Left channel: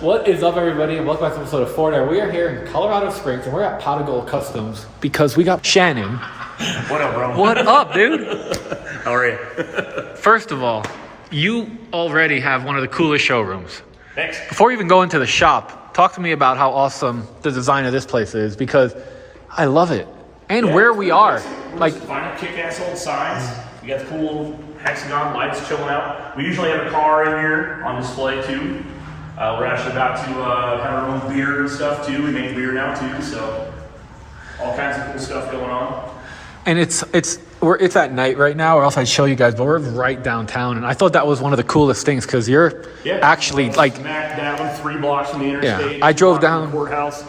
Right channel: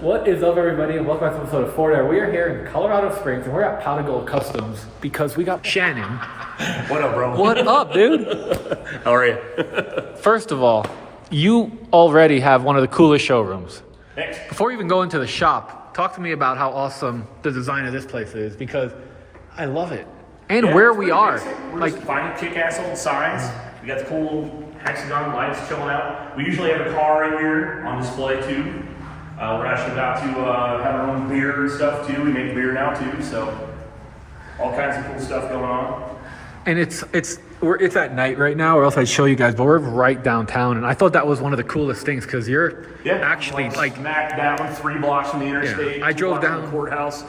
What is up, everybody, and welcome back to episode of Ford Air. We are here in Colorado Springs, and we're at Pot of Gold Customs because we got Shannon. What up, bro? What up, dude? How are you? First of all, you already have one of the coolest showrooms. Thanks. Before we even go into the shop, talk to me about how awesome the design of this place is, because I love it. And where we are. We're just finding kick-ass old signs. We got the cool hexagon lights chilling out. We usually have a car in here on display, too. We're actually about to have our own beer and stuff too. We make beer now too, so all kinds of cool stuff going on. And it's at night right now, or else I'd show you guys, but we're right downtown, and I thought that was one of the coolest things because you're actually like smack down 3 blocks from the interstate. Yeah, I drove down the courthouse.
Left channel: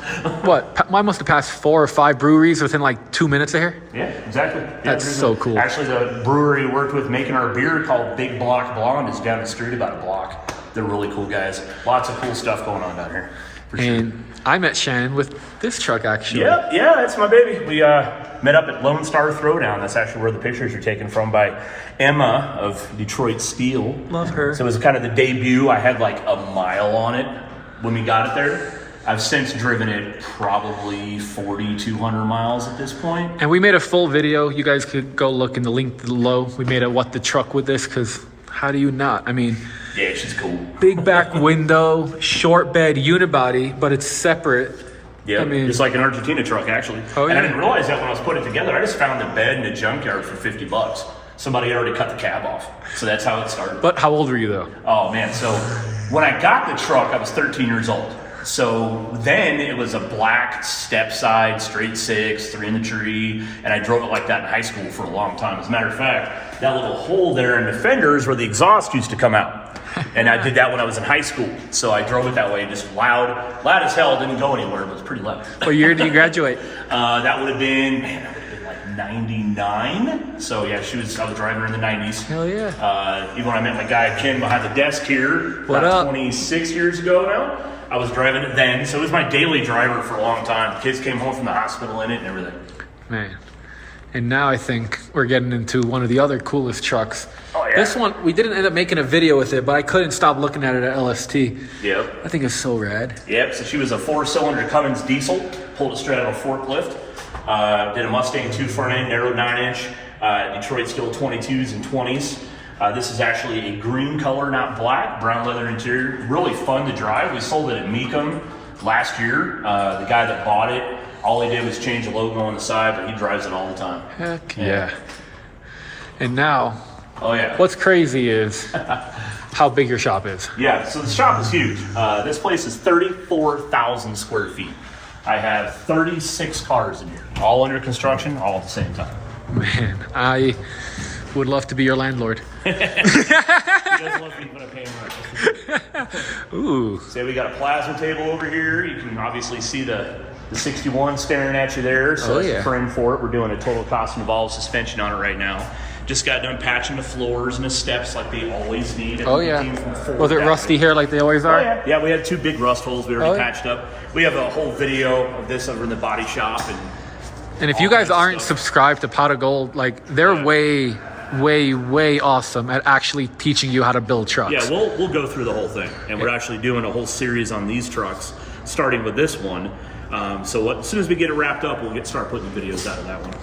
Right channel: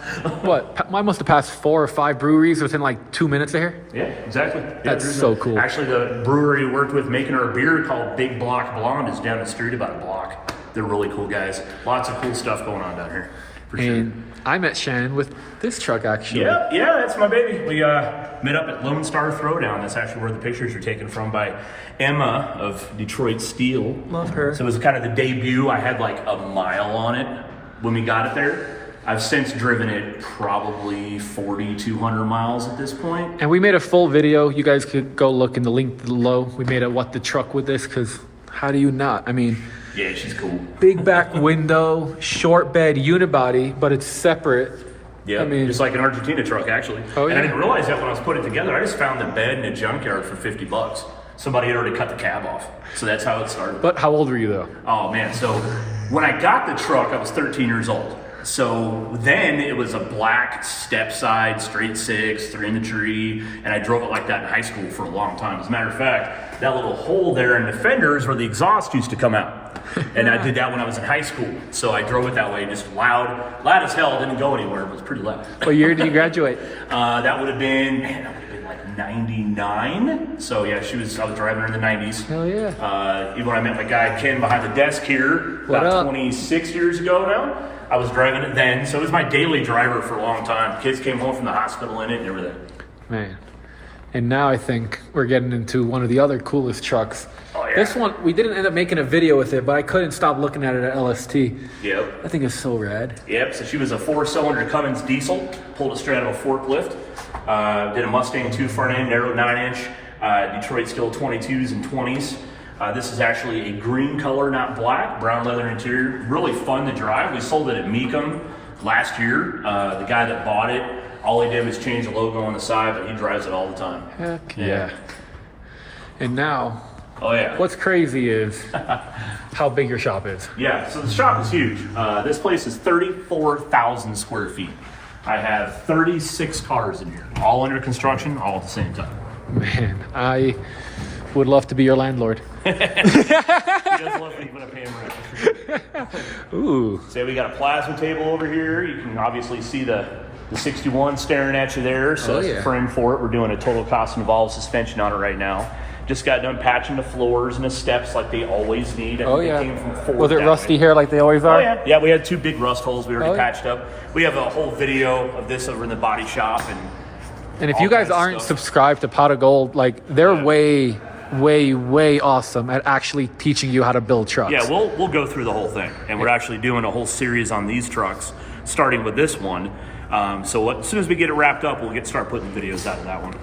What? I must have passed 4 or 5 breweries within like 2 minutes of here. Yeah, exactly. That's so cool. Actually, the brewery we worked with making our beer called Big Block Blonde is down the street about a block. They're really cool guys. Lots of cool stuff going on down here. And I met Shannon with this truck, actually. Yeah, that's my baby. We met up at Lone Star Throwdown. That's actually where the pictures are taken from by Emma of Detroit Steel. Love her. So it was kind of the debut. I had like a mile on it when we got it there. I've since driven it probably 4,200 miles at this point. And we made a full video. You guys could go look in the link below. We made a what the truck with this, because how do you not? I mean... Yeah, she's cool. Big back window, short bed unibody, but it's separate. Yeah, I mean, it's like an Argentina truck, actually. Oh, yeah. And I didn't realize that when I was putting it together. I just found the bed in a junkyard for $50. Somebody had already cut the cab off. So that's how it started. But how old were you, though? Oh, man. So when I got the truck, I was 13 years old. So then it was a black step side, straight 6, 3 in the tree, and I drove it like that in high school for a long time. As a matter of fact, that little hole there in the fenders where the exhaust used to come out. And I did that when I was in high school. So I drove it that way, just loud as hell, didn't go anywhere, but it was pretty loud. What year did you graduate? That would have been like 99. So yeah, I was driving her in the 90s. Hell yeah. Even when I met my guy Ken behind the desk here, what up? 26 years ago now. I was driving it then, so it was my daily driver for a long time. Kids came home from the hospital in it and everything. Man. And now I think we're getting into one of the other coolest trucks. Oh, yeah. This one, we didn't end up making a video with it, but I couldn't stop looking at it at LST. Yep. I think it's so rad. Yep, so she was a 4-cylinder Cummins diesel, pulled it straight out of a forklift. Did a Mustang 2 front end, narrow 9-inch, Detroit Steel 22s and 20s. This is actually a green color, not black, brown leather interior. Really fun to drive. We sold it at Meekum last year. The guy that bought it, all he did was change the logo on the side, but he drives it all the time. Heck yeah. And now, oh yeah, what's crazy is how big your shop is. Yeah, so the shop is huge. This place is 34,000 square feet. I have 36 cars in here, all under construction, all at the same time. Man, I would love to be your landlord. He does love me when I pay him rent. Ooh. So we got a plasma table over here. You can obviously see the 61 staring at you there. So yeah. Frame for it. We're doing a total cost involved suspension on it right now. Just got done patching the floors and the steps like they always need. Oh yeah. Was it rusty here like they always are? Oh, yeah. Yeah, we had 2 big rust holes we already patched up. We have a whole video of this over in the body shop. And if you guys aren't subscribed to Pot of Gold, like they're way awesome at actually teaching you how to build trucks. Yeah, we'll go through the whole thing, and we're actually doing a whole series on these trucks, starting with this one. So as soon as we get it wrapped up, we'll start putting the videos out of that one.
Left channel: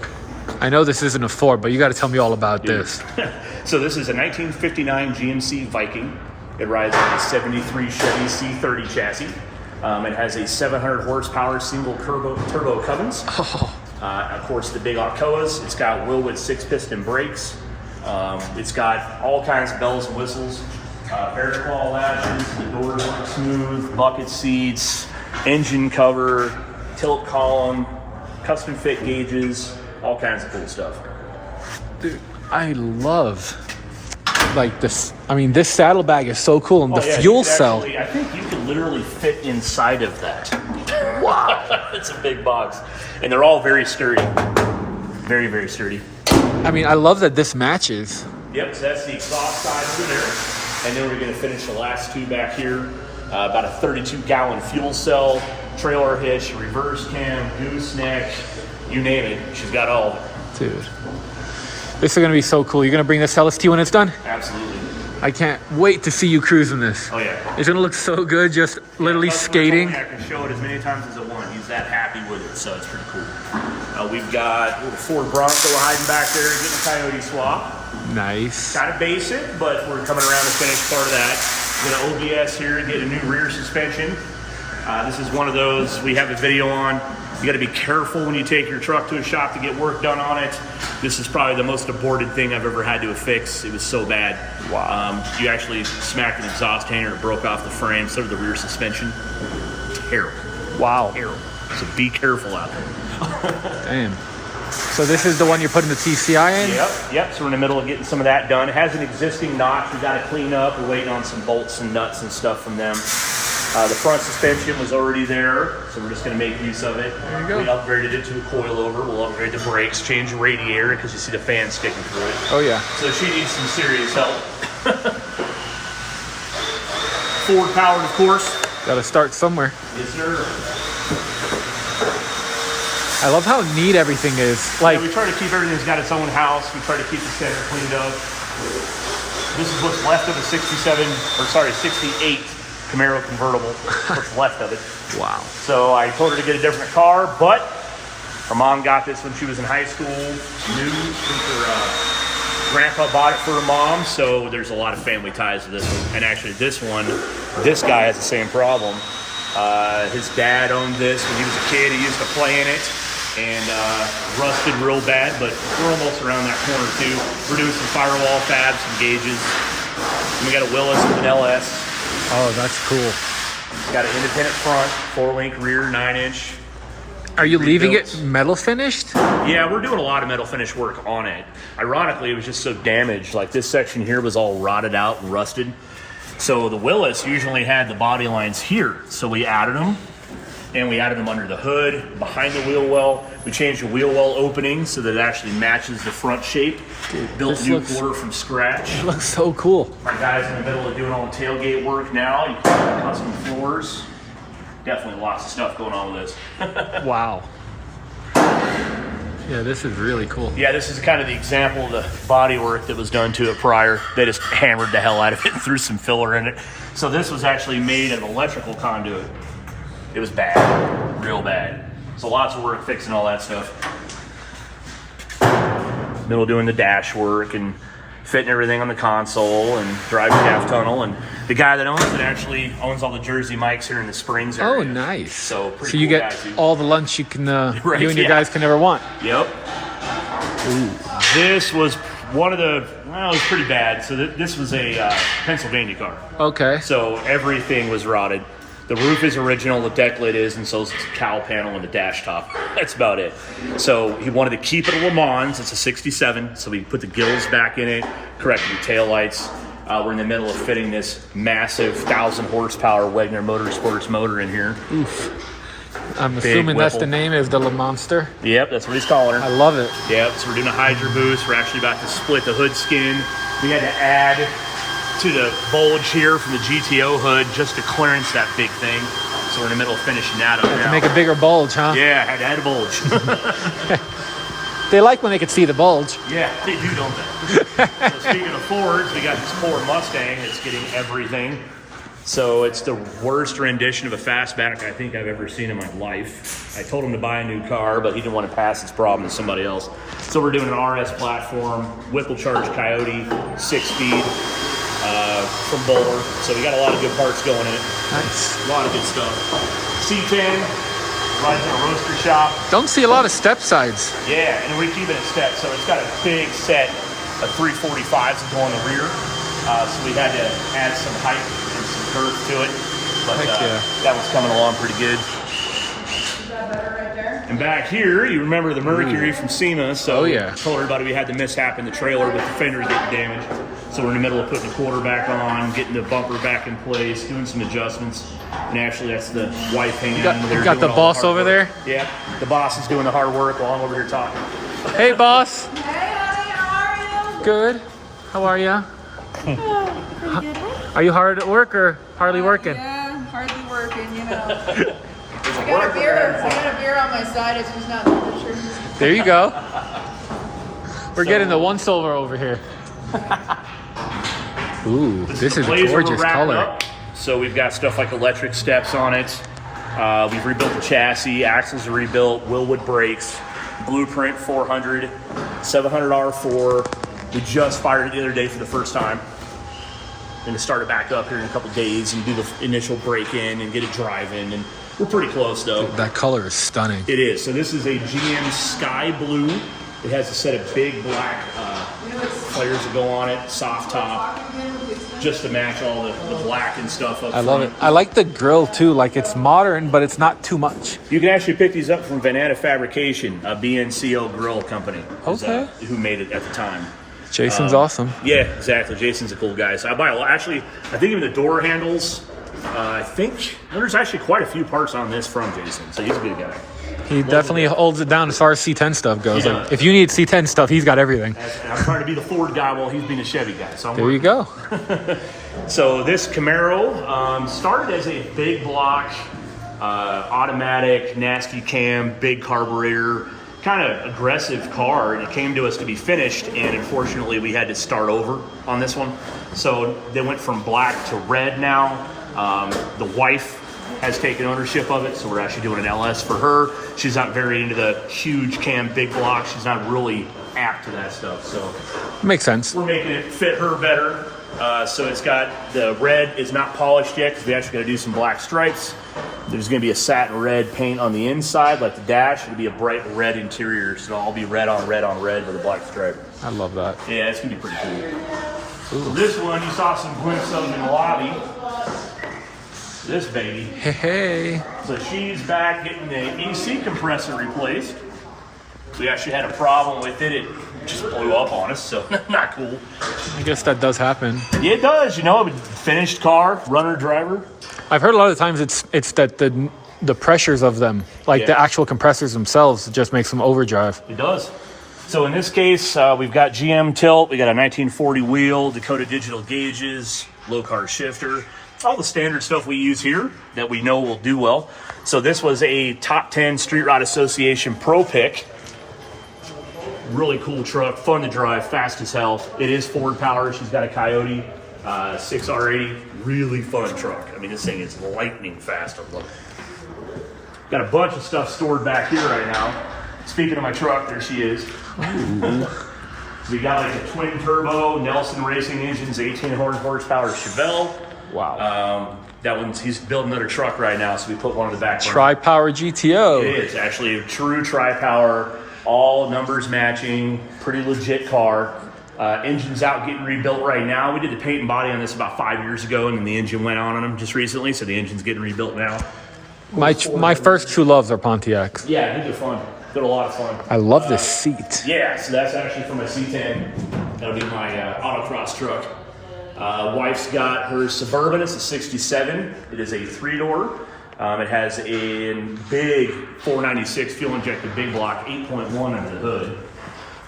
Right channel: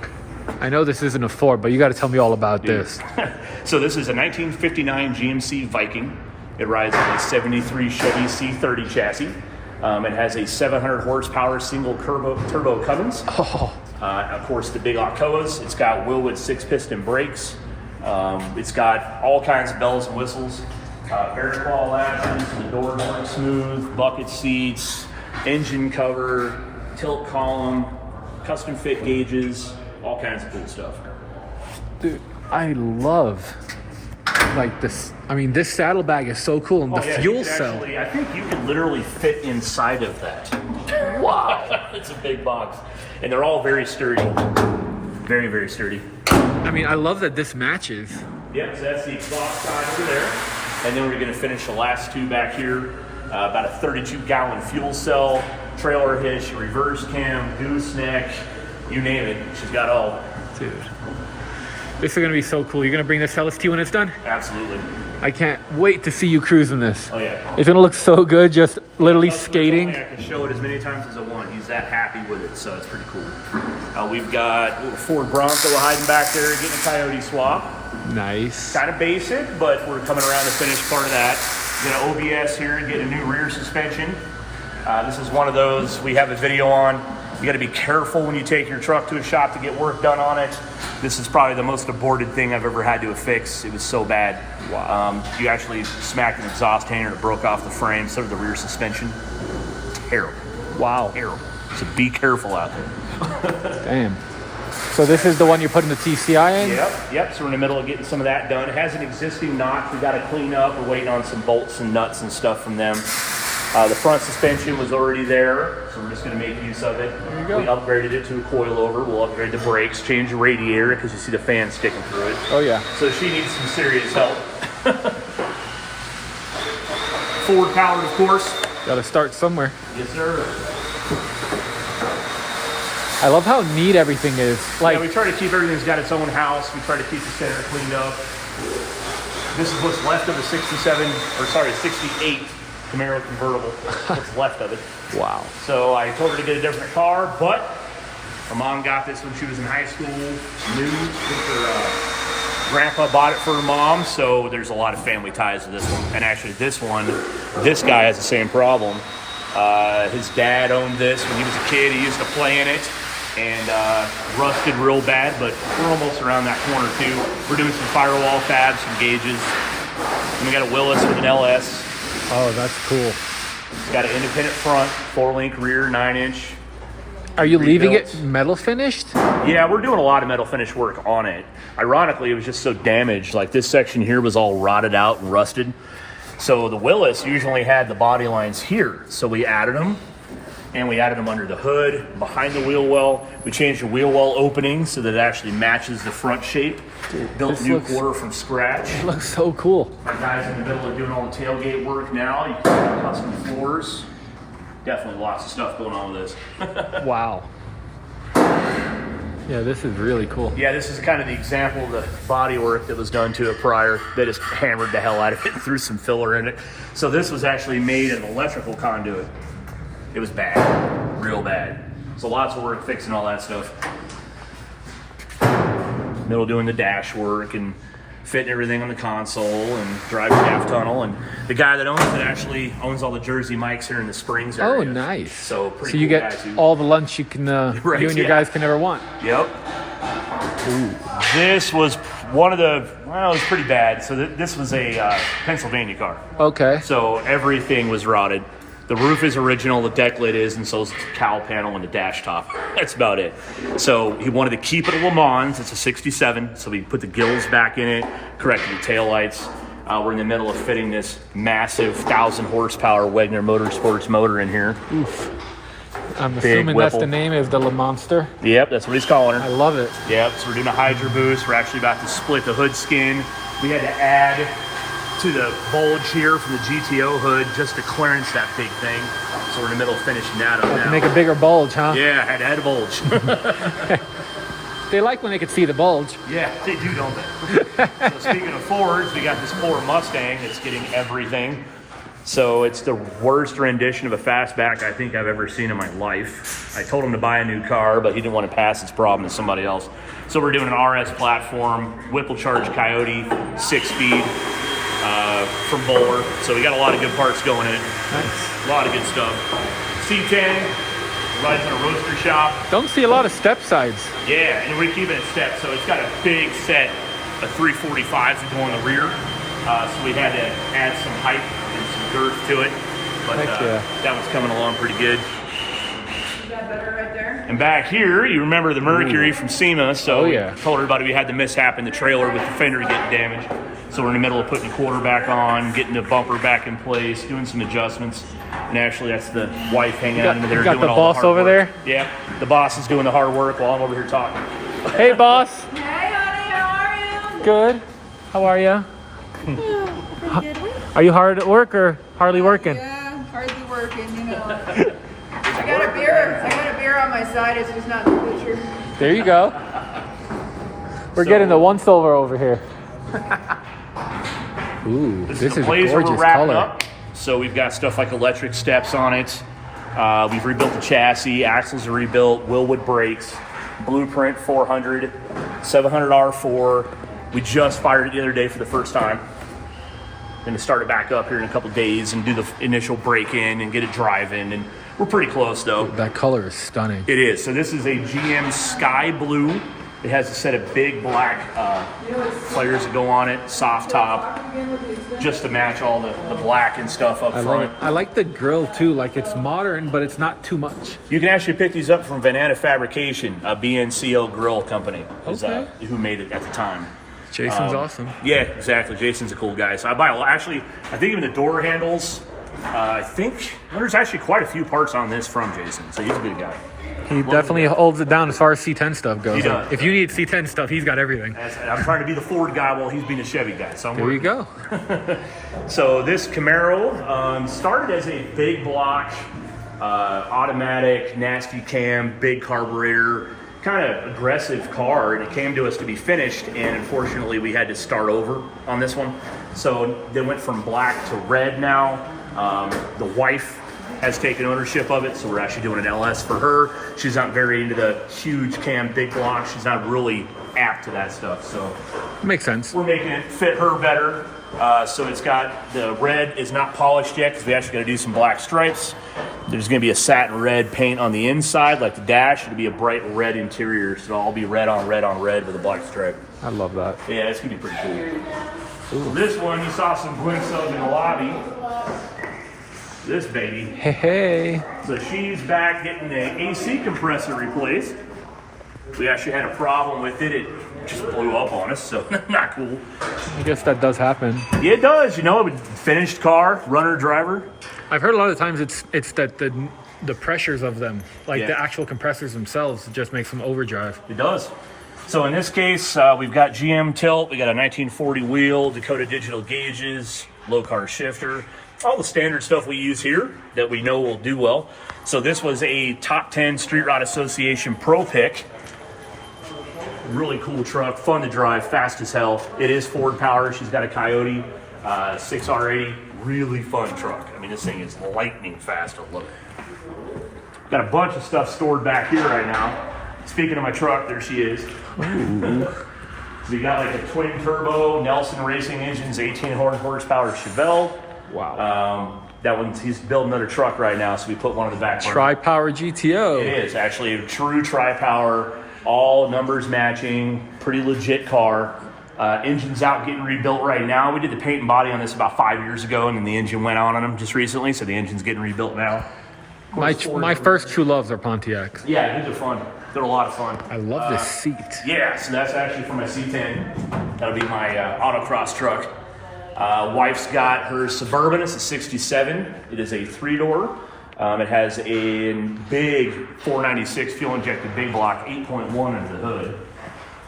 I know this isn't a Ford, but you got to tell me all about this. So this is a 1959 GMC Viking. It rides on a 73 Chevy C30 chassis. It has a 700 horsepower single turbo Cummins. Oh. Of course, the big Alcoas. It's got Willwood 6-piston brakes. It's got all kinds of bells and whistles. Bear claw latches, the doors are smooth, bucket seats, engine cover, tilt column, custom fit gauges, all kinds of cool stuff. Dude, I love like this. I mean, this saddlebag is so cool, and the fuel cell. I think you can literally fit inside of that. Wow. It's a big box. And they're all very sturdy. Very, very sturdy. I mean, I love that this matches. Yep, so that's the exhaust side over there. And then we're going to finish the last 2 back here. About a 32-gallon fuel cell, trailer hitch, reverse cam, gooseneck, you name it. She's got all. Dude. This is going to be so cool. You're going to bring this to LST when it's done? Absolutely. I can't wait to see you cruising this. Oh yeah. It's gonna look so good, just literally skating. I can show it as many times as I want. He's that happy with it, so it's pretty cool. We've got a little Ford Bronco hiding back there, getting coyote swap. Nice. Kind of basic, but we're coming around to finish part of that. We're gonna OBS here and get a new rear suspension. This is one of those we have a video on. You gotta be careful when you take your truck to a shop to get work done on it. This is probably the most aborted thing I've ever had to fix. It was so bad. Wow. You actually smacked an exhaust hanger and it broke off the frame, so did the rear suspension. Terrible. Wow. Terrible. So be careful out there. Damn. So this is the one you're putting the TCI in? Yep. So we're in the middle of getting some of that done. It has an existing notch we gotta clean up. We're waiting on some bolts and nuts and stuff from them. The front suspension was already there, so we're just going to make use of it. There you go. We upgraded it to a coilover. We'll upgrade the brakes, change the radiator because you see the fan sticking through it. Oh yeah. So she needs some serious help. Ford powered, of course. Got to start somewhere. Yes, sir. I love how neat everything is. Like, Yeah, we try to keep everything's got its own house. We try to keep the center cleaned up. This is what's left of the 68 Camaro convertible. What's left of it. wow. So I told her to get a different car, but her mom got this when she was in high school. New, I think her grandpa bought it for her mom, so there's a lot of family ties to this one. And actually this one, this guy has the same problem. His dad owned this when he was a kid. He used to play in it and rusted real bad, but we're almost around that corner too. We're doing some firewall fabs, some gauges. And we got a Willis with an LS. Oh, that's cool. Got an independent front, 4-link rear, 9-inch. Are you leaving it metal finished? Yeah, we're doing a lot of metal finish work on it. Ironically, it was just so damaged. Like this section here was all rotted out and rusted. So the Willis usually had the body lines here. So we added them, and we added them under the hood, behind the wheel well. We changed the wheel well opening so that it actually matches the front shape. Dude, built new quarter from scratch. It looks so cool. Our guy's in the middle of doing all the tailgate work now. You can custom floors. Definitely lots of stuff going on with this. Wow. Yeah, this is really cool. Yeah, this is kind of the example of the body work that was done to it prior. They just hammered the hell out of it and threw some filler in it. So this was actually made of electrical conduit. It was bad, real bad. So lots of work fixing all that stuff. Middle doing the dash work and fitting everything on the console and driving half tunnel. And the guy that owns it actually owns all the Jersey mics here in the Springs area. Oh, nice. So pretty so you cool get guy, too. all the lunch you can, Right, you and your guys can ever want. Yep. Ooh. This was one of the, well, it was pretty bad. So this was a Pennsylvania car. Okay. So everything was rotted. The roof is original, the deck lid is, and so is the cowl panel and the dash top. That's about it. So he wanted to keep it a Le Mans. It's a 67, so we put the gills back in it, corrected the taillights. We're in the middle of fitting this massive 1,000 horsepower Wagner Motorsports motor in here. Oof. I'm assuming that's the name, is the Le Monster. Yep, that's what he's calling her. I love it. Yep, so we're doing a Hydra boost. We're actually about to split the hood skin. We had to add to the bulge here from the GTO hood just to clearance that big thing. So we're in the middle of finishing that up Had now. to make a bigger bulge, huh? Yeah, I had to add a bulge. They like when they can see the bulge. Yeah, they do, don't they? So speaking of Fords, we got this poor Mustang that's getting everything. So it's the worst rendition of a fastback I think I've ever seen in my life. I told him to buy a new car, but he didn't want to pass his problem to somebody else. So we're doing an RS platform, Whipple Charge Coyote, 6-speed from Bowler. So we got a lot of good parts going in it. Nice. A lot of good stuff. C10, runs in a roaster shop. Don't see a lot of step sides. Yeah, and we keep it in steps. So it's got a big set of 345s that go on the rear. So we had to add some height and some girth to it. But Heck yeah. That was coming along pretty good. And back here, you remember the Mercury from SEMA. So oh, yeah. Told everybody we had the mishap in the trailer with the fender getting damaged. So we're in the middle of putting the quarter back on, getting the bumper back in place, doing some adjustments. And actually, that's the wife hanging out in there. You got the boss over there? Yeah, the boss is doing the hard work while I'm over here talking. Hey, boss. Hey, how are you? Good. How are you? Pretty good. Are you hard at work or hardly working? Yeah, hardly working, you know. I got a beer on my side, it's just not in the picture. There you go. We're getting the one silver over here. Ooh, this is a blaze we're gorgeous wrapping color. up. So we've got stuff like electric steps on it. We've rebuilt the chassis, axles are rebuilt, Willwood brakes, Blueprint 400, 700 R4. We just fired it the other day for the first time. I'm going to start it back up here in a couple days and do the initial break-in and get it driving. And we're pretty close, though. Dude, that color is stunning. It is. So this is a GM Sky Blue. It has a set of big black flares that go on it, soft top, just to match all the black and stuff up front. I love it. I like the grill, too. Like, it's modern, but it's not too much. You can actually pick these up from Vanana Fabrication, a BNCL grill company. Okay. Who made it at the time. Jason's awesome. Yeah, exactly. Jason's a cool guy. So I buy a lot. Actually, I think even the door handles, I think there's actually quite a few parts on this from Jason. So he's a good guy. He definitely holds it down as far as C10 stuff goes. He Like, does. if you need C10 stuff, he's got everything. And I'm trying to be the Ford guy while he's being a Chevy guy. So I'm There you go. So this Camaro started as a big block, automatic, nasty cam, big carburetor, kind of aggressive car, and it came to us to be finished, and unfortunately we had to start over on this one. So they went from black to red now. The wife has taken ownership of it, so we're actually doing an LS for her. She's not very into the huge cam, big blocks. She's not really apt to that stuff, so Makes sense. we're making it fit her better. So it's got, the red is not polished yet because we actually got to do some black stripes. There's going to be a satin red paint on the inside, like the dash. It'll be a bright red interior, so it'll all be red on red on red with a black stripe. I love that. Yeah, it's going to be pretty cool. So this one, you saw some glimpses of in the lobby. This baby. Hey, hey. So she's back getting the AC compressor replaced. We actually had a problem with it. It just blew up on us, so not cool. I guess that does happen. Yeah, it does. You know, a finished car, runner, driver. I've heard a lot of times it's that the pressures of them, like Yeah. the actual compressors themselves, just makes them overdrive. It does. So in this case, we've got GM tilt. We got a 1940 wheel, Dakota digital gauges, low car shifter. All the standard stuff we use here that we know will do well. So this was a top 10 Street Rod Association Pro Pick. Really cool truck, fun to drive, fast as hell. It is Ford power. She's got a Coyote 6R80. Really fun truck. I mean, this thing is lightning fast to look. Got a bunch of stuff stored back here right now. Speaking of my truck, there she is. Ooh. We got like a twin turbo Nelson Racing Engines 18 horsepower Chevelle. Wow. That one's, he's building another truck right now, so we put one in the back. Tri-power GTO. It is actually a true tri-power, all numbers matching, pretty legit car. Engine's out getting rebuilt right now. We did the paint and body on this about 5 years ago, and then the engine went out on them just recently, so the engine's getting rebuilt now. My first true loves are Pontiacs. Yeah, these are fun. They're a lot of fun. I love this seat. Yeah, so that's actually for my C10. That'll be my autocross truck. Wife's got her Suburban. It's a 67. It is a 3-door. It has a big 496 fuel-injected big block, 8.1 under the hood.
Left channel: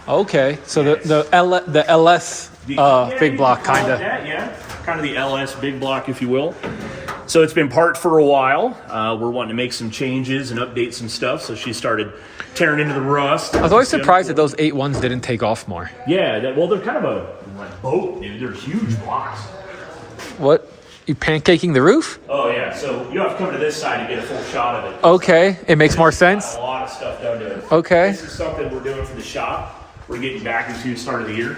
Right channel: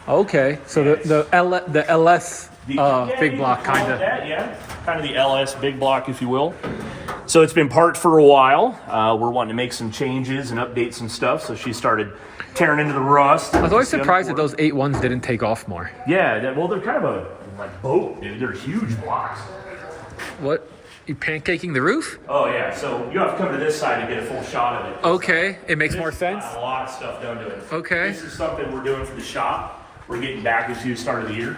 Okay, so the LS big block kind of. Yeah, kind of the LS big block, if you will. So it's been parked for a while. We're wanting to make some changes and update some stuff. So she started tearing into the rust. I was always surprised that those 8.1s didn't take off more. Yeah, well, they're kind of a like boat, dude. They're huge blocks. What? You pancaking the roof? Oh yeah, so you have to come to this side to get a full shot of it. Okay, it makes more sense. A lot of stuff done to it. Okay. This is something we're doing for the shop. We're getting back into the start of the year.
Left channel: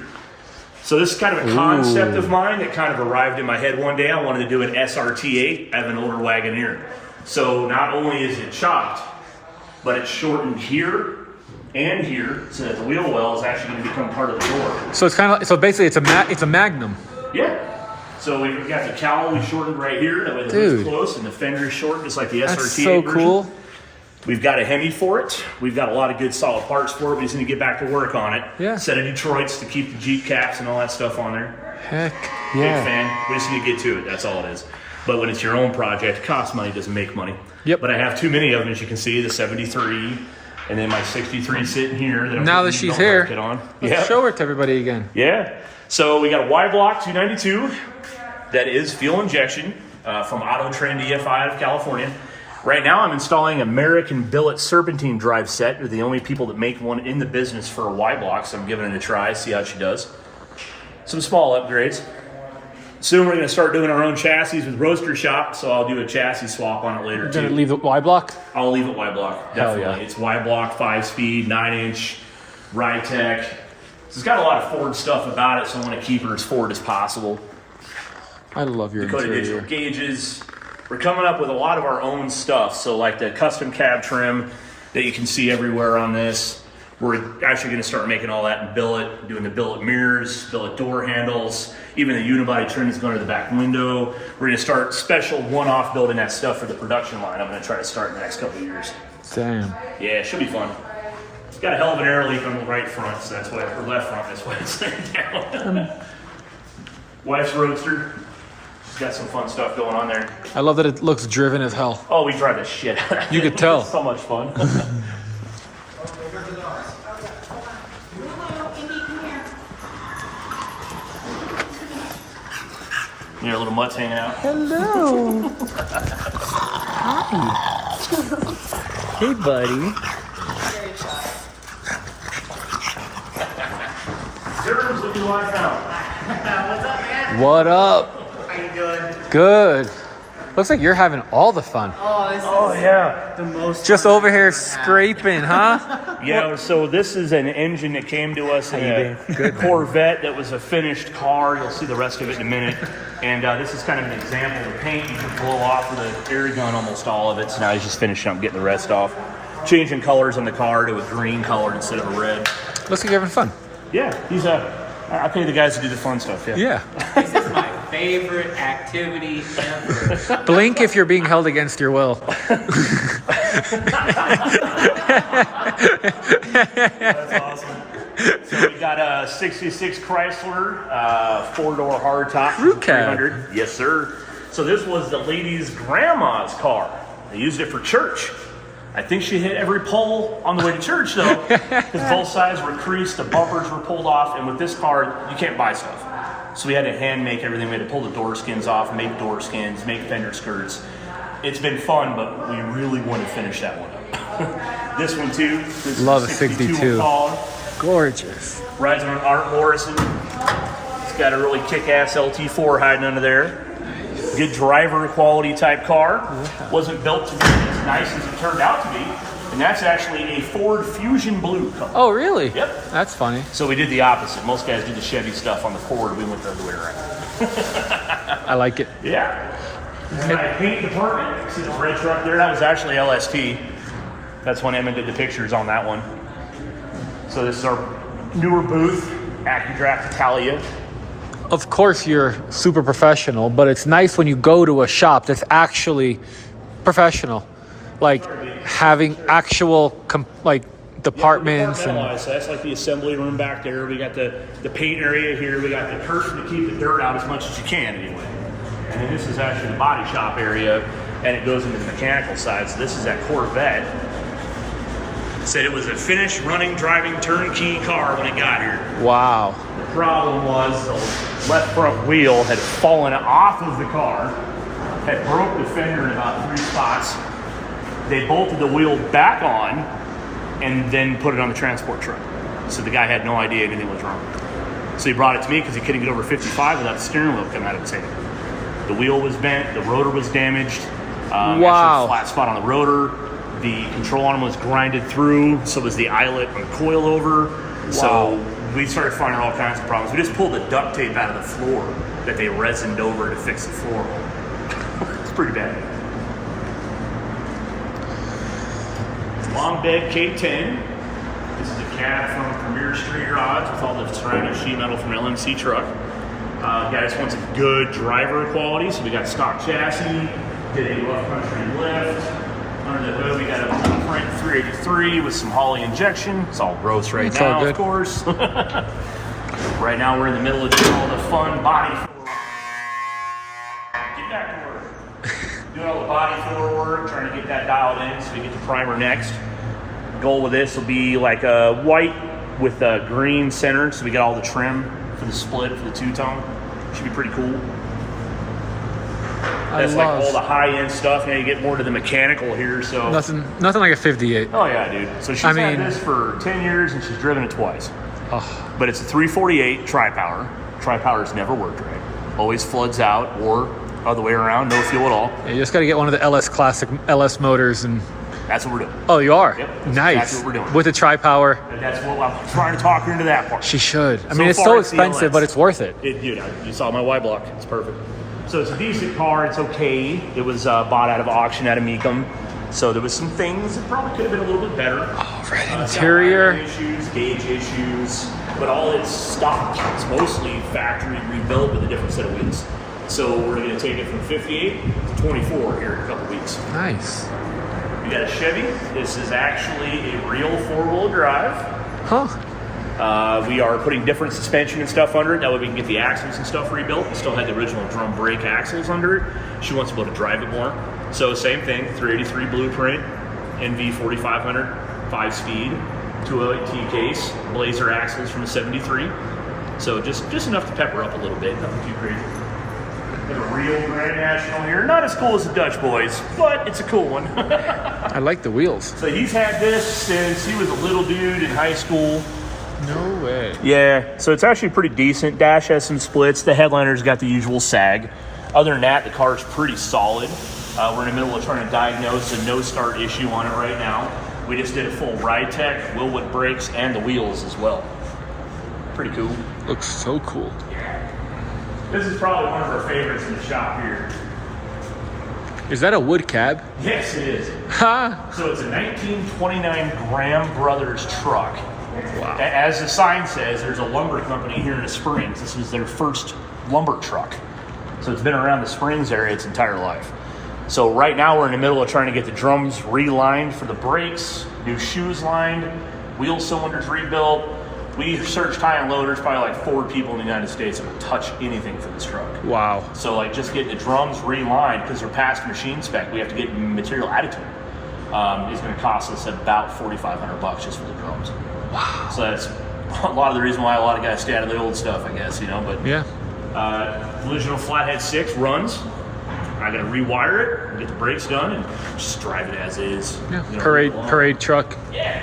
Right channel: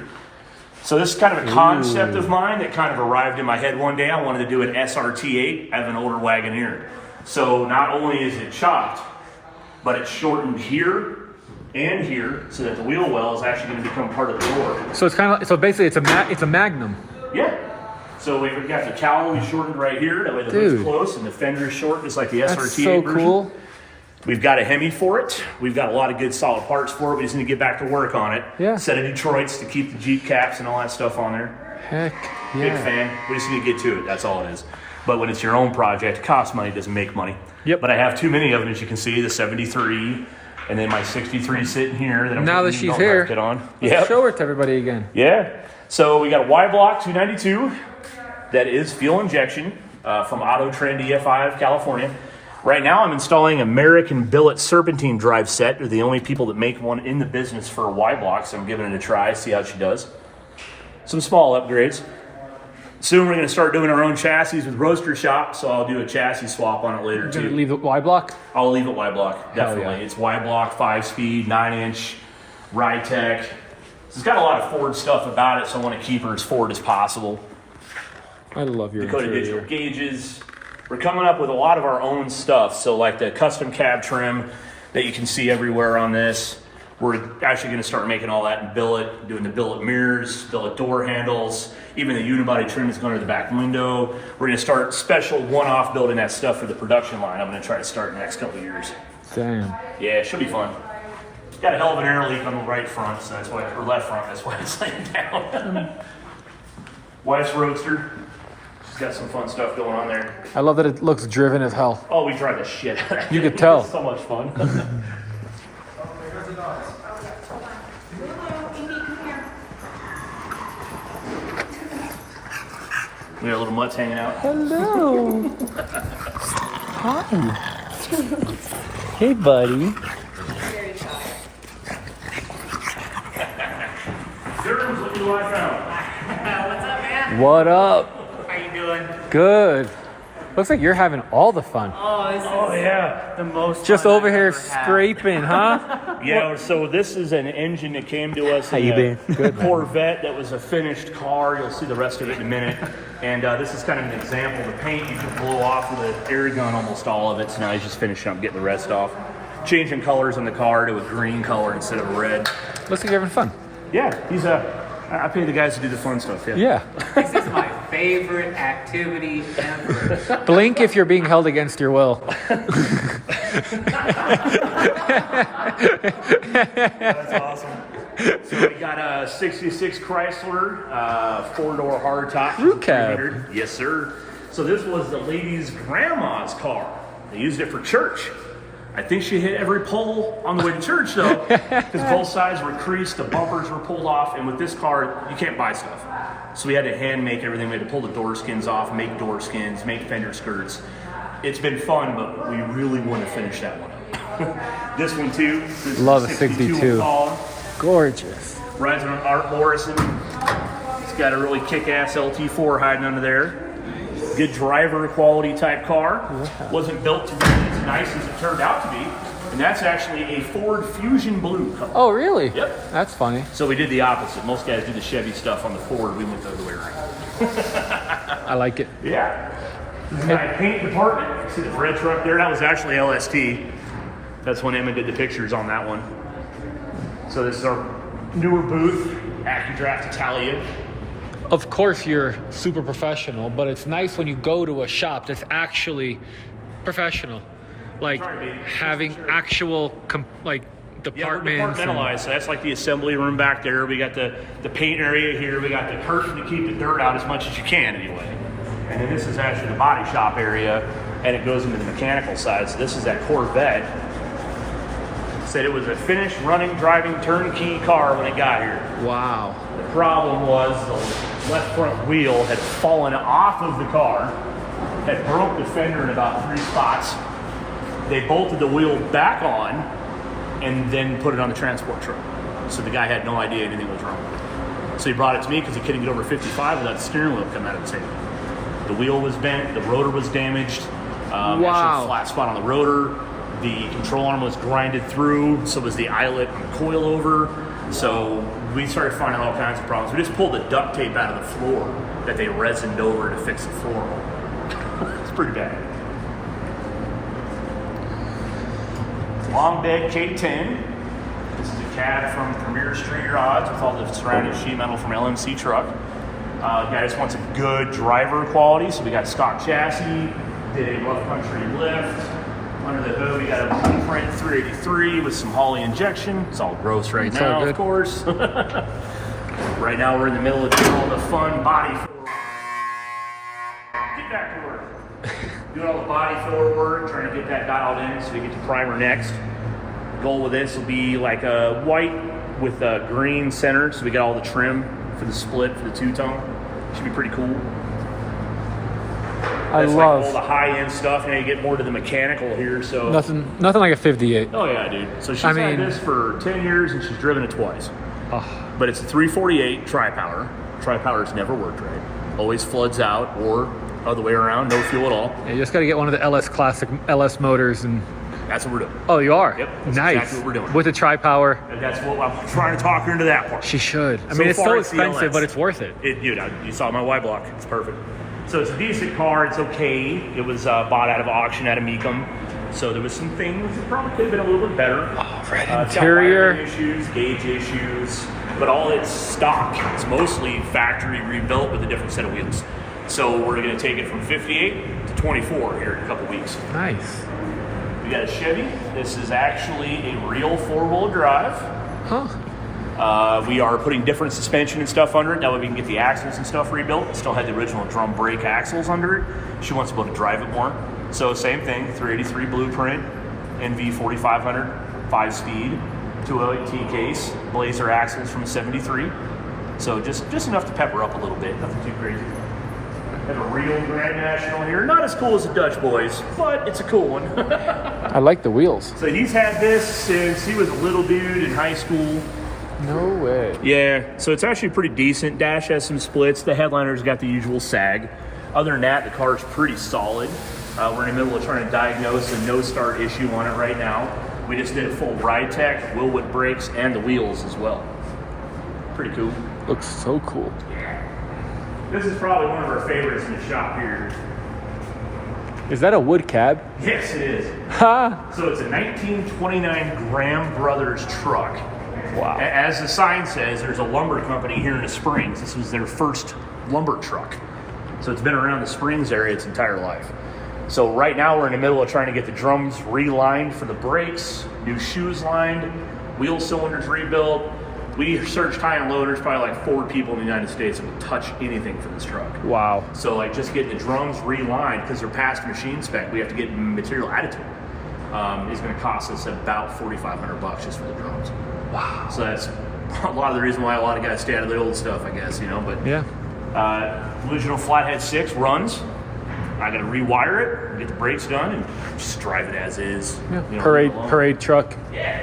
So this is kind of a concept of mine that kind of arrived in my head one day. I wanted to do an SRT8. I have an older Wagoneer. So not only is it chopped, but it's shortened here and here so that the wheel well is actually going to become part of the door. So it's kind of so basically it's a Magnum. Yeah. So we've got the cowl we shortened right here. That way the hood's close and the fender is short, just like the SRT8 That's so version. cool. We've got a Hemi for it. We've got a lot of good solid parts for it. We just need to get back to work on it. Yeah. Set of Detroits to keep the Jeep caps and all that stuff on there. Heck Big yeah. fan. We just need to get to it. That's all it is. But when it's your own project, it costs money, doesn't make money. Yep. But I have too many of them, as you can see, the 73, and then my 63 sitting here. That I'm Now that putting she's the here, market on. let's show her to everybody again. Yeah. So we got a Y block 292 that is fuel injection from Auto Trend EFI out of California. Right now I'm installing American Billet Serpentine drive set. They're the only people that make one in the business for a Y block, so I'm giving it a try, see how she does. Some small upgrades. Soon we're going to start doing our own chassis with Roadster Shop, so I'll do a chassis swap on it later You're too. gonna leave it Y block? I'll leave it Y block, definitely. yeah. It's Y block, 5-speed, 9-inch, Rytech. So it's got a lot of Ford stuff about it, so I want to keep her as Ford as possible. I love your Dakota interior. digital gauges. We're coming up with a lot of our own stuff. So like the custom cab trim that you can see everywhere on this. We're actually going to start making all that in billet, doing the billet mirrors, billet door handles, even the unibody trim that's going to the back window. We're going to start special one-off building that stuff for the production line. I'm going to try to start in the next couple of years. Damn. Yeah, it should be fun. Got a hell of an air leak on the right front, so that's why, or left front, that's why it's laying down. Wife's Roadster. She's got some fun stuff going on there. I love that it looks driven as hell. Oh, we drive the shit out of it. You could tell. It's so much fun. We got little mutts hanging out. Hello. Hi. Hey, buddy. There's looking what I found. What's up, man? What up? How you doing? Good. Looks like you're having all the fun. Oh, this is Yeah. the most. Just fun over I've here ever had. scraping, huh? Yeah, so this is an engine that came to us in a Good, man. Corvette that was a finished car. You'll see the rest of it in a minute. And this is kind of an example. The paint you can blow off with the air gun, almost all of it. So now he's just finishing up getting the rest off. Changing colors on the car to a green color instead of a red. Looks like you're having fun. Yeah, he's I pay the guys to do the fun stuff. Yeah. Yeah. This is my favorite activity ever. Blink if you're being held against your will. That's awesome. So we got a 66 Chrysler, 4-door hardtop. Crew cab. 300. Yes, sir. So this was the lady's grandma's car. They used it for church. I think she hit every pole on the way to church, though, because both sides were creased, the bumpers were pulled off, and with this car, you can't buy stuff. So we had to hand make everything. We had to pull the door skins off, make door skins, make fender skirts. It's been fun, but we really want to finish that one up. This one, too. This is Love a 62. Impala. Gorgeous. Rides on Art Morrison. It's got a really kick-ass LT4 hiding under there. Good driver quality type car. Yeah. Wasn't built to be as nice as it turned out to be. And that's actually a Ford Fusion Blue color. Oh, really? Yep. That's funny. So we did the opposite. Most guys do the Chevy stuff on the Ford. We went the other way around. I like it. Yeah. This is my paint department. See the red truck there? That was actually LST. That's when Emma did the pictures on that one. So this is our newer booth, AccuDraft Italia. Of course, you're super professional, but it's nice when you go to a shop that's actually professional, like having actual departments and Compartmentalized. So that's like the assembly room back there. We got the paint area here. We got the curtain to keep the dirt out as much as you can anyway. And then this is actually the body shop area, and it goes into the mechanical side. So this is that Corvette. Said it was a finished running, driving, turnkey car when it got here. wow. The problem was the left front wheel had fallen off of the car, had broke the fender in about 3 spots. They bolted the wheel back on and then put it on the transport truck. So the guy had no idea anything was wrong. So he brought it to me because he couldn't get over 55 without the steering wheel coming out of his hand. The wheel was bent, the rotor was damaged. Wow. A flat spot on the rotor. The control arm was grinded through, so was the eyelet and coilover. So we started finding all kinds of problems. We just pulled the duct tape out of the floor that they resined over to fix the floor hole. It's pretty bad. Long bed K10. This is a cab from Premier Street Rods with all the surrounding sheet metal from LMC truck. Guy just wants a good driver quality, so we got stock chassis, did a rough country lift. Under the hood, we got a Blueprint 383 with some Holley injection. It's all gross right It's now, all good. of course. Right now, we're in the middle of doing all the fun body filler work. Get back to work. Doing all the body filler work, trying to get that dialed in so we get the primer next. Goal with this will be like a white with a green center, so we got all the trim for the split, for the two-tone. Should be pretty cool. I That's love like all the high-end stuff. Now you get more to the mechanical here, so. nothing like a 58. Oh yeah, dude. So she's I had mean- this for 10 years and she's driven it twice. Oh, But it's a 348 tri-power. Tri-power's never worked right. always floods out, or other way around, no fuel at all. Yeah, you just got to get one of the LS Classic LS motors and... That's what we're doing. Oh, you are? Yep, that's nice. exactly what we're doing. With the tri-power. And that's what I'm trying to talk her into that part. She should. I So mean, it's far, so it's the expensive, LS. but it's worth it. Dude, you saw my Y block. It's perfect. So it's a decent car. It's okay. It was bought out of auction out of Mecum. So there was some things that probably could have been a little bit better. Oh, red It's got interior. wiring issues, gauge issues, but all its stock. It's mostly factory rebuilt with a different set of wheels. So we're going to take it from 58 to 24 here in a couple weeks. Nice. We got a Chevy. This is actually a real four-wheel drive. Huh. We are putting different suspension and stuff under it. That way we can get the axles and stuff rebuilt. We still had the original drum brake axles under it. She wants to be able to drive it more. So same thing, 383 blueprint, NV 4500, 5-speed, 208 T-case, Blazer axles from a 73. So just enough to pepper up a little bit, nothing too crazy. Have a real Grand National here. Not as cool as the Dutch boys, but it's a cool one. I like the wheels. So he's had this since he was a little dude in high school. No way. Yeah, so it's actually pretty decent. Dash has some splits. The headliner's got the usual sag. Other than that, the car's pretty solid. We're in the middle of trying to diagnose a no-start issue on it right now. We just did a full ride tech, Wilwood brakes, and the wheels as well. Pretty cool. Looks so cool. This is probably one of our favorites in the shop here. Is that a wood cab? Yes, it is. Ha! So it's a 1929 Graham Brothers truck. Wow. As the sign says, there's a lumber company here in the Springs. This was their first lumber truck. So it's been around the Springs area its entire life. So right now we're in the middle of trying to get the drums relined for the brakes, new shoes lined, wheel cylinders rebuilt. We searched high and low. There's probably like 4 people in the United States that will touch anything for this truck. Wow. So like just getting the drums relined, because they're past machine spec, we have to get material added to them. It's going to cost us about $4,500 just for the drums. Wow. So that's a lot of the reason why a lot of guys stay out of the old stuff, I guess, you know. But Yeah. original Flathead 6 runs. I got to rewire it, and get the brakes done, and just drive it as is. Yeah. You know, Parade truck. Yeah.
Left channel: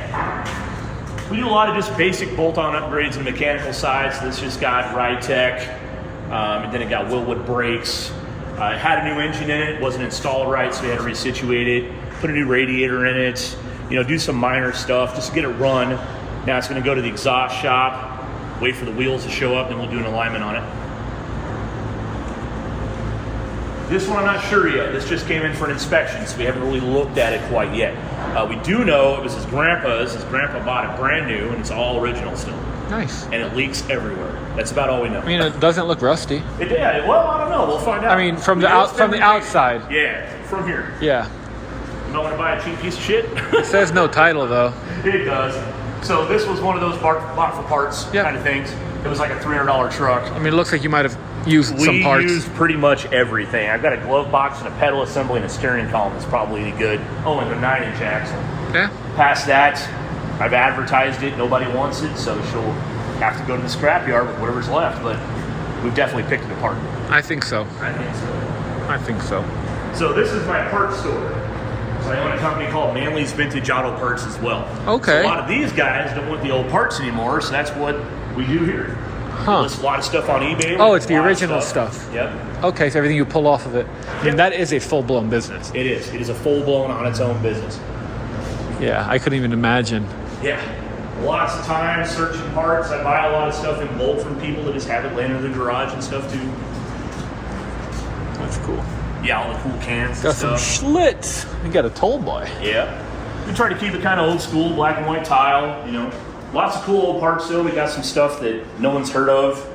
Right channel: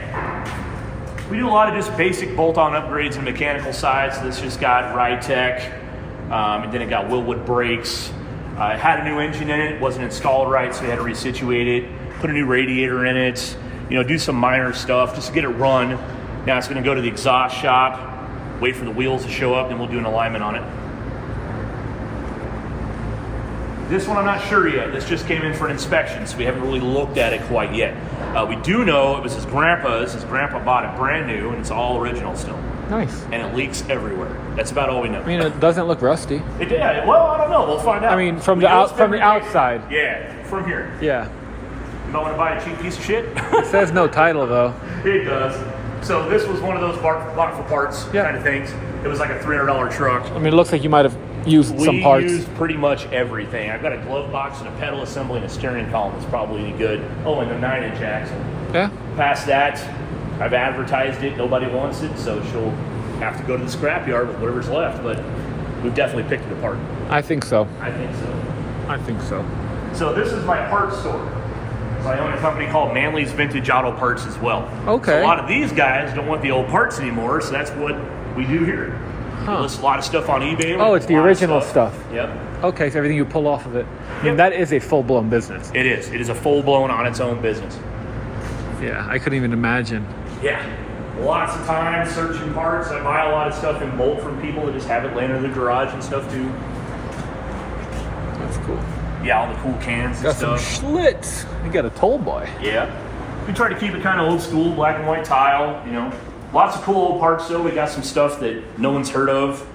We do a lot of just basic bolt-on upgrades on the mechanical side. So this just got ride tech, and then it got Wilwood brakes. It had a new engine in it. It wasn't installed right, so we had to resituate it. Put a new radiator in it. You know, do some minor stuff just to get it run. Now it's going to go to the exhaust shop. Wait for the wheels to show up, and we'll do an alignment on it. This one I'm not sure yet. This just came in for an inspection, so we haven't really looked at it quite yet. We do know it was his grandpa's. His grandpa bought it brand new, and it's all original still. Nice. And it leaks everywhere. That's about all we know. I mean, it doesn't look rusty. Yeah, well, I don't know. We'll find out. I mean, from the outside. Yeah, from here. Yeah. You might want to buy a cheap piece of shit. It says no title though. It does. So this was one of those bought for parts Yep. kind of things. It was like a $300 truck. I mean, it looks like you might have used some parts. We used pretty much everything. I've got a glove box and a pedal assembly and a steering column that's probably any good. Oh, and a 9-inch axle. Yeah. Past that, I've advertised it. Nobody wants it, so she'll have to go to the scrapyard with whatever's left. But we've definitely picked it apart. I think so. I think so. I think so. So this is my parts store. So I own a company called Manley's Vintage Auto Parts as well. Okay. So a lot of these guys don't want the old parts anymore, so that's what we do here. Huh. There's a lot of stuff on eBay. Oh, it's the A lot of original stuff. Yep. Okay, so everything you pull off of it. I mean, that is a full-blown business. It is. It is a full-blown on its own business. Yeah, I couldn't even imagine. Yeah. Lots of time searching parts. I buy a lot of stuff in bulk from people that just have it laying in their garage and stuff too. That's cool. Yeah, all the cool cans Got and some stuff. Schlitz. You got a toll boy. Yeah. We try to keep it kind of old school, black and white tile, you know. Lots of cool old parts though. We got some stuff that no one's heard of.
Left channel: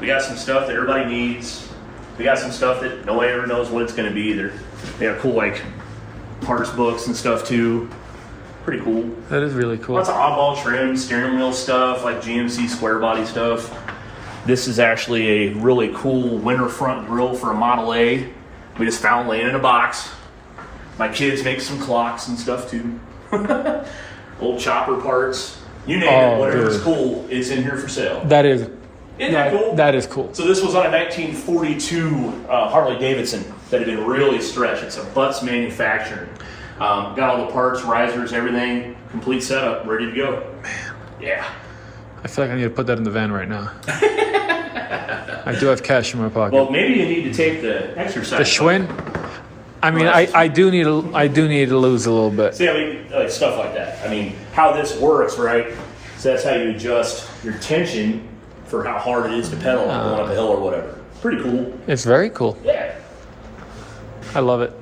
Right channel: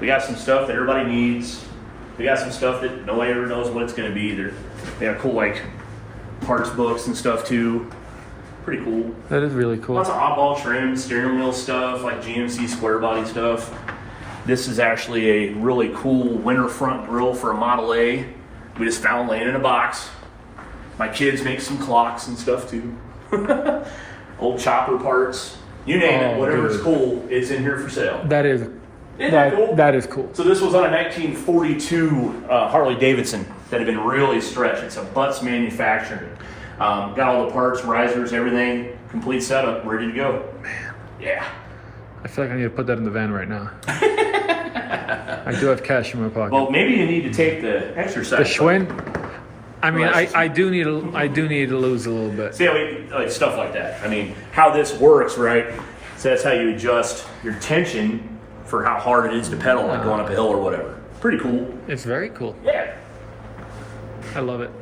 We got some stuff that everybody needs. We got some stuff that nobody ever knows what it's going to be either. They got cool like parts books and stuff too. Pretty cool. That is really cool. Lots of oddball trim, steering wheel stuff, like GMC square body stuff. This is actually a really cool winter front grill for a Model A. We just found laying in a box. My kids make some clocks and stuff too. Old chopper parts. You name it, whatever's dude. cool, it's in here for sale. That is Isn't that cool? that is cool. So this was on a 1942 Harley Davidson that had been really stretched. It's a Butts manufacturing. Got all the parts, risers, everything, complete setup, ready to go. Man. Yeah. I feel like I need to put that in the van right now. I do have cash in my pocket. Well, maybe you need to take the exercise. The Schwinn. I mean, I do need to lose a little bit. See, I mean, like stuff like that. I mean, how this works, right? So that's how you adjust your tension for how hard it is to pedal going up a hill or whatever. Pretty cool. It's very cool. Yeah. I love it.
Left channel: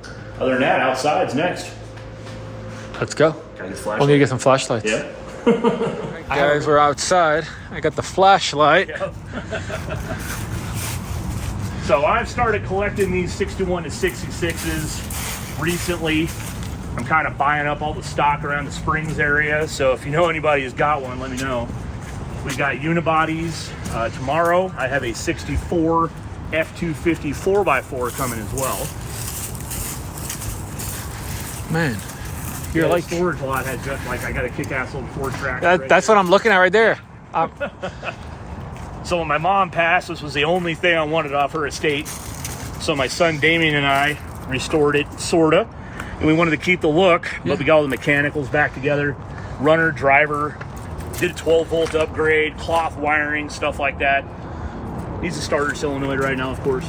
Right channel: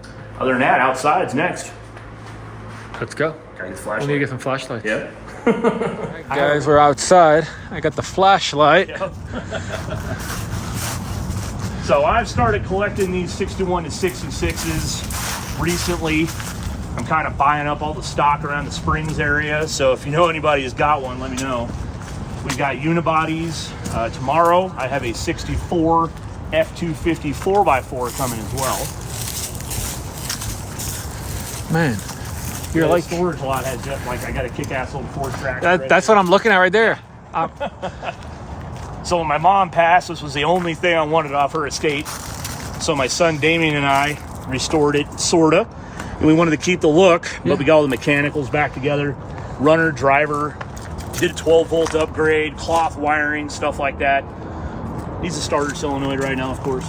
Other than that, outside's next. Let's go. Gotta get the We'll need to get some flashlights. Yeah. Guys, we're outside. I got the flashlight. So I've started collecting these 61 to 66s recently. I'm kind of buying up all the stock around the Springs area. So if you know anybody who's got one, let me know. We've got unibodies. Tomorrow I have a 64 F250 4x4 coming as well. Man, you're The like storage lot has just like I got a kick-ass old Ford track. that's what I'm looking at right there. So when my mom passed, this was the only thing I wanted off her estate. So my son Damien and I restored it, sorta. And we wanted to keep the look, but we got all the mechanicals back together. Runner, driver, did a 12-volt upgrade, cloth wiring, stuff like that. Needs a starter solenoid right now, of course.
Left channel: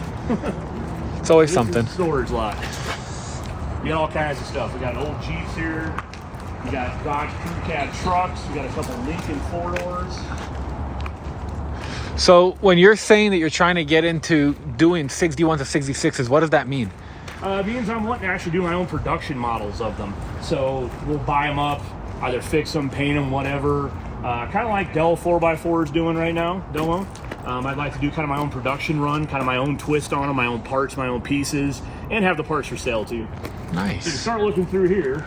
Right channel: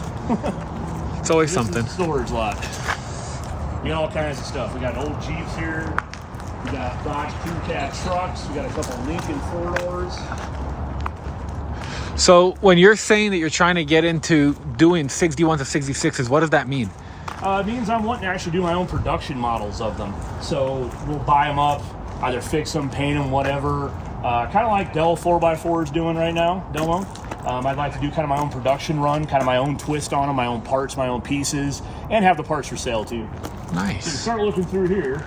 It's always This something. is the storage lot. You know, all kinds of stuff. We got old Jeeps here. We got Dodge 2-cab trucks. We got a couple Lincoln 4-doors. So when you're saying that you're trying to get into doing 61s to 66s, what does that mean? It means I'm wanting to actually do my own production models of them. So we'll buy them up, either fix them, paint them, whatever. Kind of like Dell 4x4 is doing right now, Dell. I'd like to do kind of my own production run, kind of my own twist on them, my own parts, my own pieces, and have the parts for sale too. So to Nice. start looking through here,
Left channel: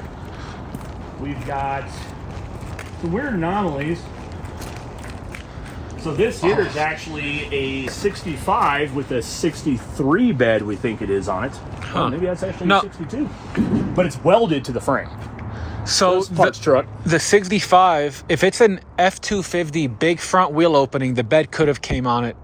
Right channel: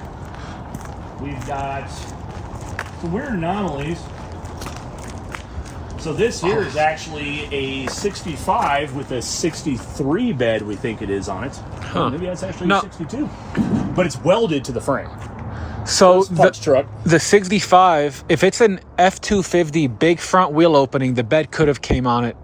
we've got some weird anomalies. So this here is actually a 65 with a 63 bed, we think it is on it. Huh. Maybe that's actually No. a 62. But it's welded to the frame. So Punch truck. the 65, if it's an F250 big front wheel opening, the bed could have came on it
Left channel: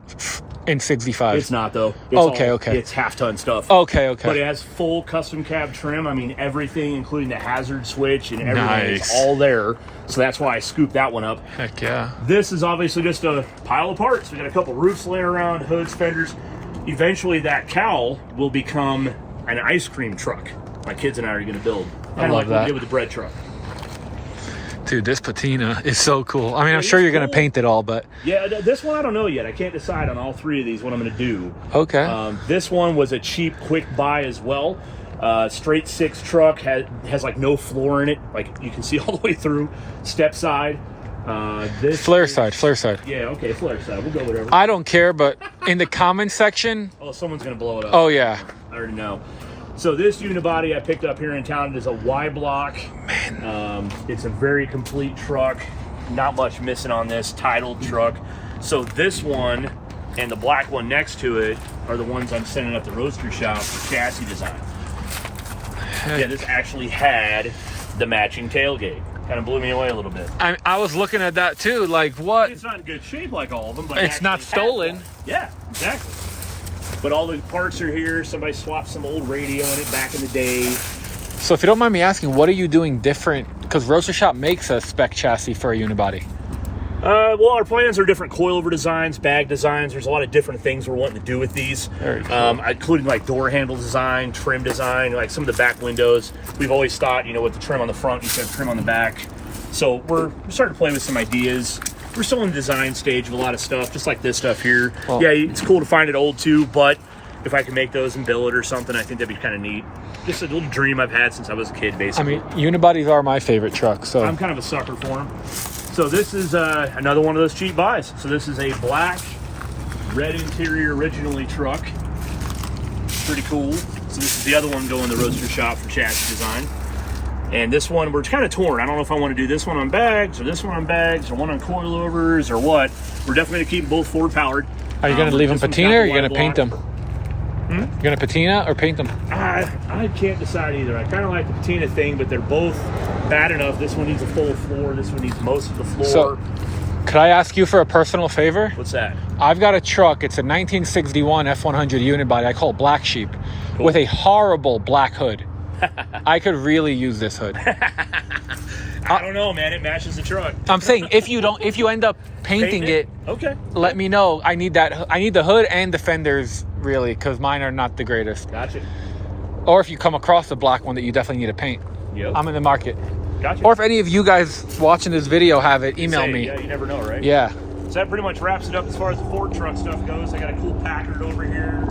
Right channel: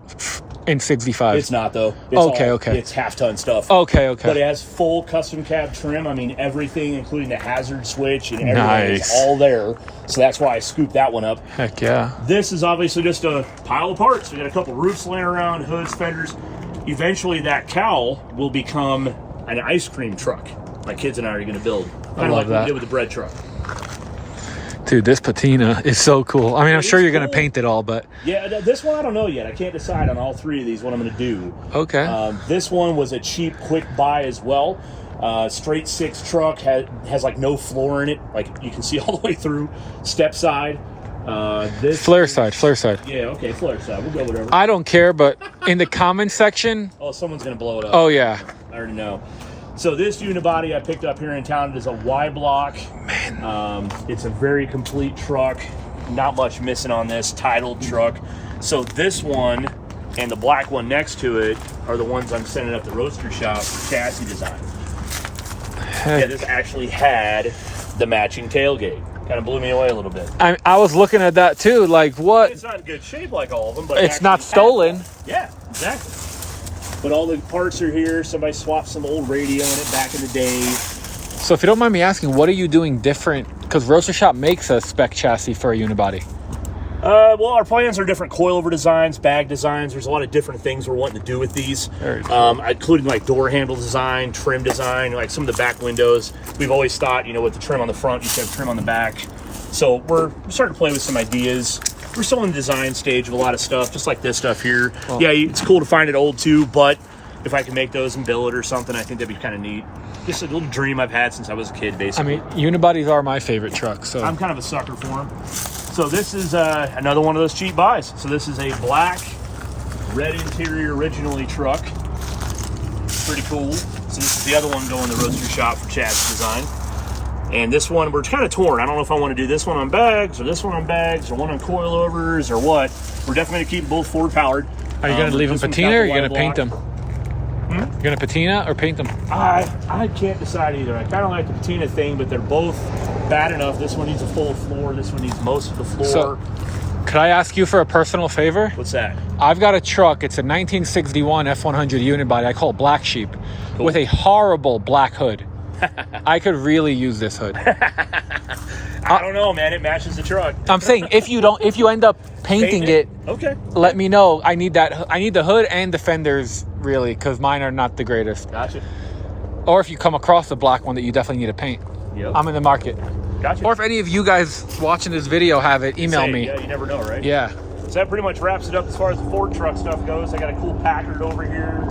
in 65. It's not though. It's Okay. It's half-ton stuff. Okay. But it has full custom cab trim. I mean, everything, including the hazard switch and everything, is all there. So that's why I scooped that one up. Heck yeah. This is obviously just a pile of parts. We got a couple roofs laying around, hoods, fenders. Eventually, that cowl will become an ice cream truck. My kids and I are going to build. Kind of love like that. we did with the bread truck. Dude, this patina is so cool. I mean, I'm sure you're going to paint it all, but Yeah, this one I don't know yet. I can't decide on all three of these what I'm going to do. okay. This one was a cheap, quick buy as well. Straight six truck has like no floor in it. Like you can see all the way through. Step side. This Flare side. Yeah, okay, flare side. We'll go whatever. I don't care, but in the comments section, Oh, someone's going to blow it up. oh yeah. I already know. So this unibody I picked up here in town. It is a Y block. It's a very complete truck. Not much missing on this titled truck. So this one and the black one next to it are the ones I'm sending up the roaster shop for chassis design. Yeah, this actually had the matching tailgate. Kind of blew me away a little bit. I was looking at that too. Like, what? It's not in good shape like all of them, but It's not stolen. Yeah, exactly. But all the parts are here. Somebody swapped some old radio in it back in the day. So if you don't mind me asking, what are you doing different? Because Roaster Shop makes a spec chassis for a unibody. Well, our plans are different coilover designs, bag designs. There's a lot of different things we're wanting to do with these. Very cool. Including like door handle design, trim design, like some of the back windows. We've always thought, with the trim on the front, you should have trim on the back. So we're starting to play with some ideas. We're still in the design stage of a lot of stuff, just like this stuff here. Oh. Yeah, it's cool to find it old too, but if I can make those and bill it or something, I think that'd be kind of neat. Just a little dream I've had since I was a kid, I basically. mean, unibodies are my favorite truck. So I'm kind of a sucker for them. So this is another one of those cheap buys. So this is a black, red interior originally truck. Pretty cool. So this is the other one going to Roaster Shop for chassis design. And this one, we're kind of torn. I don't know if I want to do this one on bags or this one on bags or one on coilovers or what. We're definitely going to keep both Ford powered. are you going to leave them This one's patina got or are the you going to Y paint block. them? You're going to patina or paint them? I can't decide either. I kind of like the patina thing, but they're both bad enough. This one needs a full floor. This one needs most of the floor. So, could I ask you for a personal favor? What's that? I've got a truck. It's a 1961 F100 unibody. I call it Black Sheep, with a horrible black hood. I could really use this hood. I don't know, man. It matches the truck. I'm saying if you end up painting it, okay. let me know. I need that. I need the hood and the fenders really, because mine are not the greatest. Gotcha. Or if you come across a black one that you definitely need to paint, Yep. I'm in the market. Gotcha. Or if any of you guys watching this video have it, email me. Yeah, you never know, right? Yeah. So that pretty much wraps it up as far as the Ford truck stuff goes. I got a cool Packard over here.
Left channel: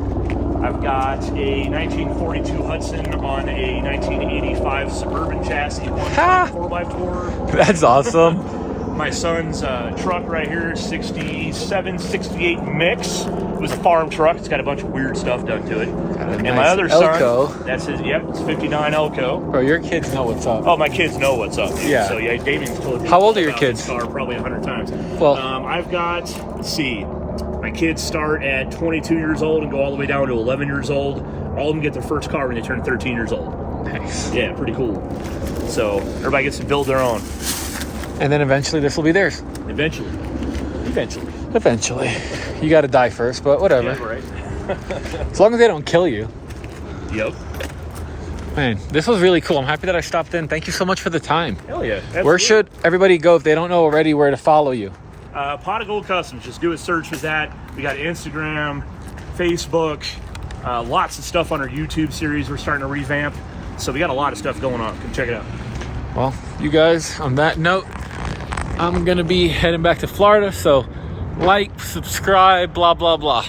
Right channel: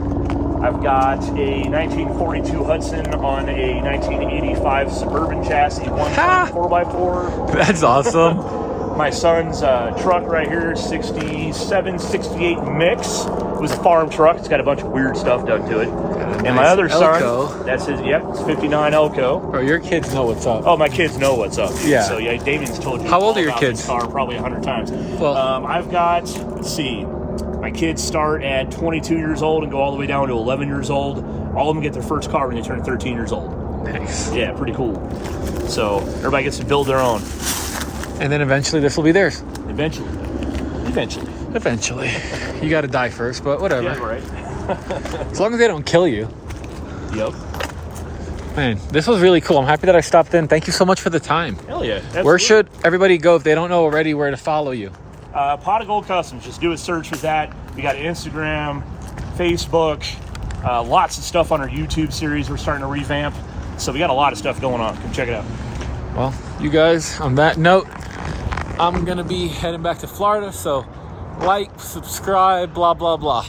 I've got a 1942 Hudson on a 1985 Suburban chassis, 4x4. That's awesome. My son's truck right here, 67, 68 mix. It was a farm truck. It's got a bunch of weird stuff done to it. And nice my other Elko. son, that's his, it's 59 Elko. Bro, your kids know what's up. Oh, my kids know what's up, dude. Yeah. So, yeah, Damien's told you. How old are your about kids? this car probably 100 times. Well, I've got, let's see, my kids start at 22 years old and go all the way down to 11 years old. All of them get their first car when they turn 13 years old. nice. Yeah, pretty cool. So everybody gets to build their own. And then eventually this will be theirs. Eventually. Eventually. You got to die first, but whatever. Yeah, right. As long as they don't kill you. Yep. Man, this was really cool. I'm happy that I stopped in. Thank you so much for the time. Hell yeah. Where should everybody go if they don't know already where to follow you? Pot of Gold Customs. Just do a search for that. We got Instagram, Facebook, lots of stuff on our YouTube series we're starting to revamp. So we got a lot of stuff going on. Come check it out. Well, you guys, on that note, I'm going to be heading back to Florida. So like, subscribe, blah, blah, blah.